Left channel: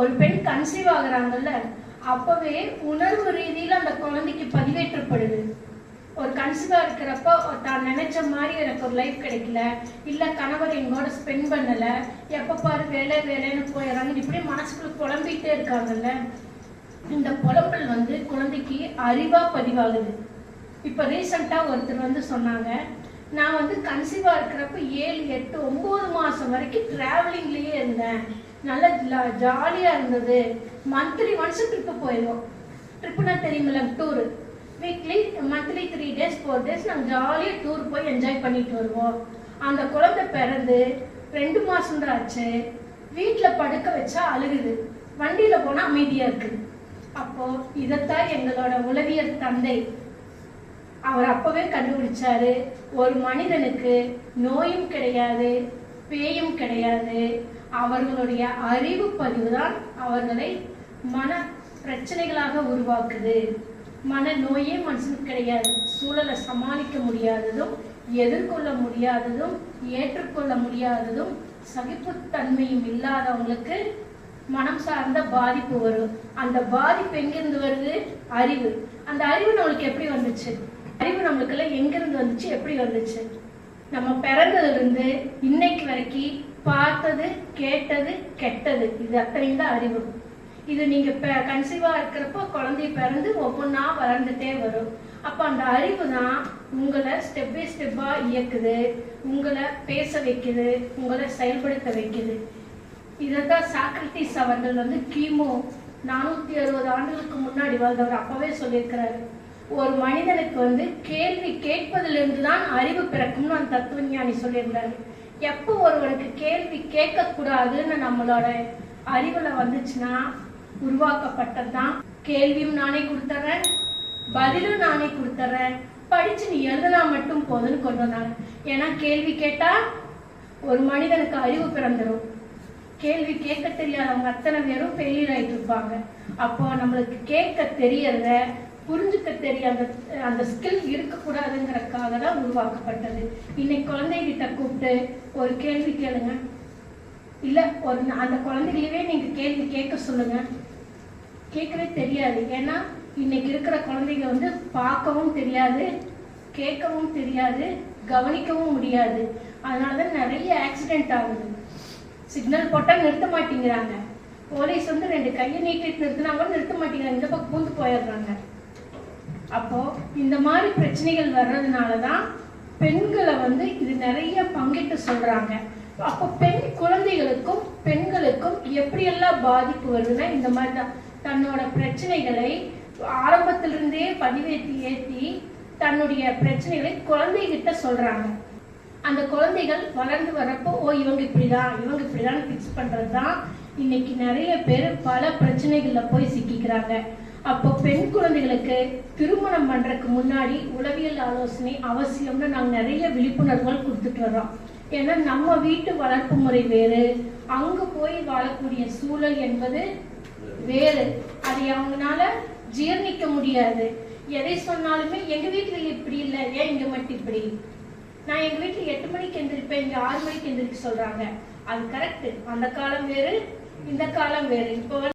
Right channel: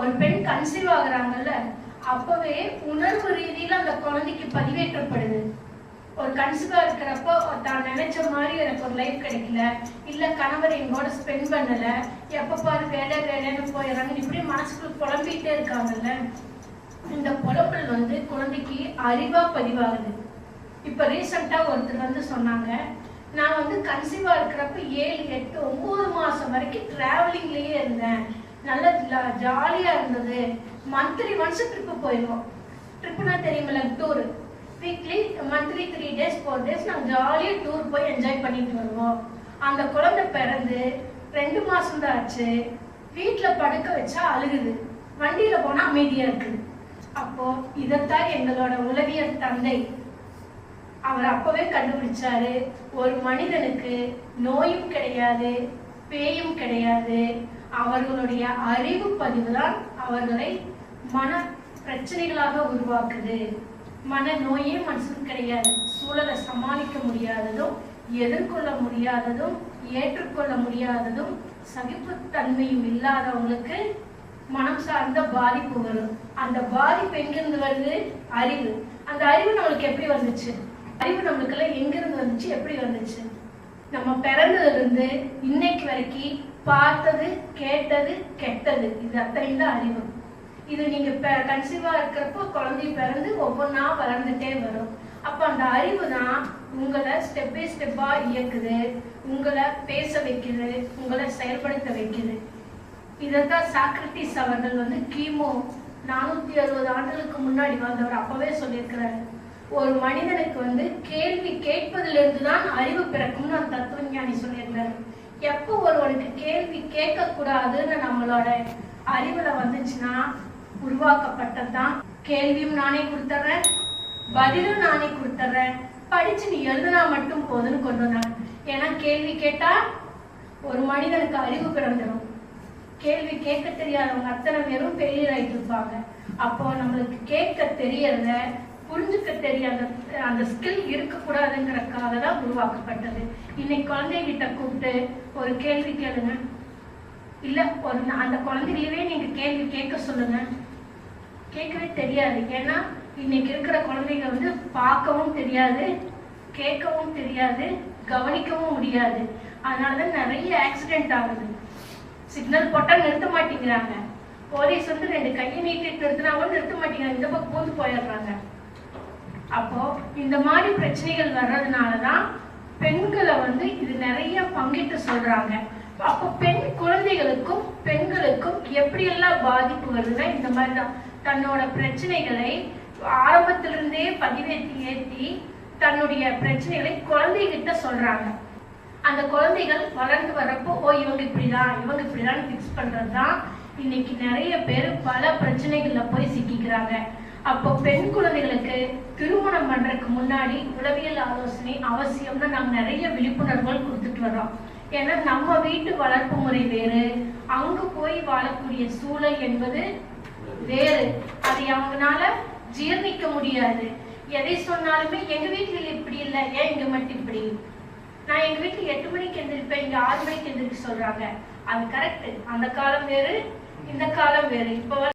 ஒரு பெண் கன்சீவ் ஆகுறாங்கல்ல, அப்பவே உணர்வு ரீதியில அந்த குழந்தைக்கு பதிவேற்றப்படுது. ஒரு கன்சீவா இருக்கிறப்ப தான் நினைச்ச மாதிரி எனக்கு ஒரு லைஃப் கிடைக்கல, இல்ல கணவர் எங்கோட ஸ்பெண்ட் பண்ணல, எப்ப பாரு வேலை வேலைன்னு போயிடுறாங்க, இப்படி மனசுக்குள்ள புலம்பிட்டே இருக்காங்கல்ல. இந்த புலம்பல் குழந்தைக்கு அறிவா பதிவாகுது. இப்ப ரீசெண்டா ஒருத்தர் சொன்னாங்க, நான் கன்சீவா இருக்கிறப்ப 7, 8, 9 மாசம் வரைக்கும் டிராவலிங்லயே இருந்தேன், நல்ல ஜாலியா இருந்தது. மந்த்லி ஒன்ஸ் ட்ரிப்பு போயிடுவோம். ட்ரிப்புனா தெரியுங்களா, tour. Weekly monthly 3 days 4 days நாங்க ஜாலியா டூர் போய் என்ஜாய் பண்ணிட்டு வருவோம். அந்த குழந்தை பிறந்து 2 மாசம் தான் ஆச்சு. வீட்டுல படுக்க வச்சா அழுகுது, வண்டியில போனா அமைதியா இருக்கு. அப்போ இதத்தான் எங்களோட உளவியல் தந்தை அவர் அப்பவே கண்டுபிடிச்சாரு. ஒரு மனிதனுக்கு நோயும் கிடையாது, பேயும் கிடையாது. அவர்களுடைய அறிவு பதிவுதான் அவர்களை மன பிரச்சனைகளாக உருவாக்குது. மன நோயே மனுஷனுக்கு கிடையாது. சூழலை சமாளிக்க முடியாததும், எதிர்கொள்ள முடியாததும், ஏற்றுக்கொள்ள முடியாததும், சகிப்புத்தன்மையும் இல்லாதவங்களுக்கு மனம் சார்ந்த பாதிப்பு வரும். அந்த பாதிப்பு எங்கிருந்து வருது? அறிவு. அந்த அறிவு நம்மளுக்கு எப்படி வந்துச்சு? அறிவு நம்மளுக்கு எங்கிருந்து வந்துச்சு, எப்படி வந்துச்சு? நம்ம பிறந்ததுல இருந்து இன்னைக்கு வரைக்கும் பார்த்தது, கேட்டது, கெட்டது, இது அத்தனையும் தான் அறிவு. இது நீங்க கன்சீவா இருக்கிறப்ப குழந்தை பிறந்து ஒவ்வொன்னா வளர்ந்துட்டே வரும். அப்ப அந்த அறிவு தான் உங்களை ஸ்டெப் பை ஸ்டெப்பா இயக்குது, உங்களை பேச வைக்குது, உங்களை செயல்படுத்த வைக்குது. இதான் சாக்ரட்டிஸ் அவர்கள் கிமு 460 ஆண்டுகளுக்கு முன்னாடி வாழ்ந்தவர் அப்பவே சொல்லியிருக்கிறாரு. ஒரு மனிதனுக்கு கேள்வி கேட்பதிலிருந்து தான் அறிவு பிறக்கும்னு அந்த தத்துவஞானி சொல்லியிருக்கிறாரு. எப்போ ஒருவனுக்கு கேள்வி கேட்க கூடாதுன்னு நம்மளோட அறிவுல வந்துச்சுன்னா உருவாக்கப்பட்டதுதான். கேள்வியும் நானே கொடுத்துறேன், பதிலும் நானே கொடுத்துறேன், படிச்சு நீ எழுதுனா மட்டும் போதுன்னு கொண்டு வந்தாங்க. ஏன்னா கேள்வி கேட்டா ஒரு மனிதனுக்கு அறிவு பிறந்துடும். கேள்வி கேட்க தெரியாதவங்க அத்தனை பேரும் ஃபெயிலியர் ஆயிட்டு இருப்பாங்க. அப்போ நம்மளுக்கு கேட்க தெரியறத, புரிஞ்சுக்க தெரியாத அந்த ஸ்கில் இருக்கக்கூடாதுங்கிறதுக்காக தான் உருவாக்கப்பட்டது. இன்னைக்கு குழந்தைகிட்ட கூப்பிட்டு ஒரு கேள்வி கேளுங்க, இல்ல ஒரு அந்த குழந்தைகளவே நீங்க கேள்வி கேட்க சொல்லுங்க, கேட்கவே தெரியாது. ஏன்னா இன்னைக்கு இருக்கிற குழந்தைங்க பார்க்கவும் தெரியாது, கேட்கவும் தெரியாது, கவனிக்கவும் முடியாது. அதனாலதான் நிறைய ஆக்சிடென்ட் ஆகுது. சிக்னல் போட்டா நிறுத்த மாட்டேங்கிறாங்க. போலீஸ் 2 கையை நீட்டிட்டு நிறுத்தினா கூட நிறுத்த மாட்டேங்கிறாங்க, இந்த பக்கம் பூந்து போயிடுறாங்க. அப்போ இந்த மாதிரி பிரச்சனைகள் வர்றதுனாலதான் பெண்களை இது நிறைய பங்கிட்டு சொல்றாங்க. அப்போ பெண் குழந்தைகளுக்கும் பெண்களுக்கும் எப்படியெல்லாம் பாதிப்பு வருதுன்னா இந்த மாதிரி தான். தன்னோட பிரச்சனைகளை ஆரம்பத்திலிருந்தே பதிவேற்றி தன்னுடைய பிரச்சனைகளை குழந்தைகிட்ட சொல்றாங்க. அந்த குழந்தைகள் வளர்ந்து வர்றப்போ இவங்க இப்படிதான் பிக்ஸ் பண்றதுதான் இன்னைக்கு நிறைய பேர் பல பிரச்சனைகள்ல போய் சிக்கிக்கிறாங்க. அப்போ பெண் குழந்தைகளுக்கு திருமணம் பண்றதுக்கு முன்னாடி உளவியல் ஆலோசனை அவசியம்னு நாங்க நிறைய விழிப்புணர்வுகள் கொடுத்துட்டு வர்றோம். ஏன்னா நம்ம வீட்டு வளர்ப்பு முறை வேறு, அங்கு போய் வாழக்கூடிய சூழல் என்பது வேறு. அதை அவங்களால ஜீர்ணிக்க முடியாது. எதை சொன்னாலுமே எங்க வீட்டுல இப்படி இல்லை, ஏன் இங்க மட்டும் இப்படி? நான் எங்க வீட்டுல 8 மணிக்கு எந்திரிப்பேன், இங்க 6 மணிக்கு எந்திரிக்க சொல்றாங்க. அது கரெக்ட். அந்த காலம் வேறு, இந்த காலம் வேறு. இப்போ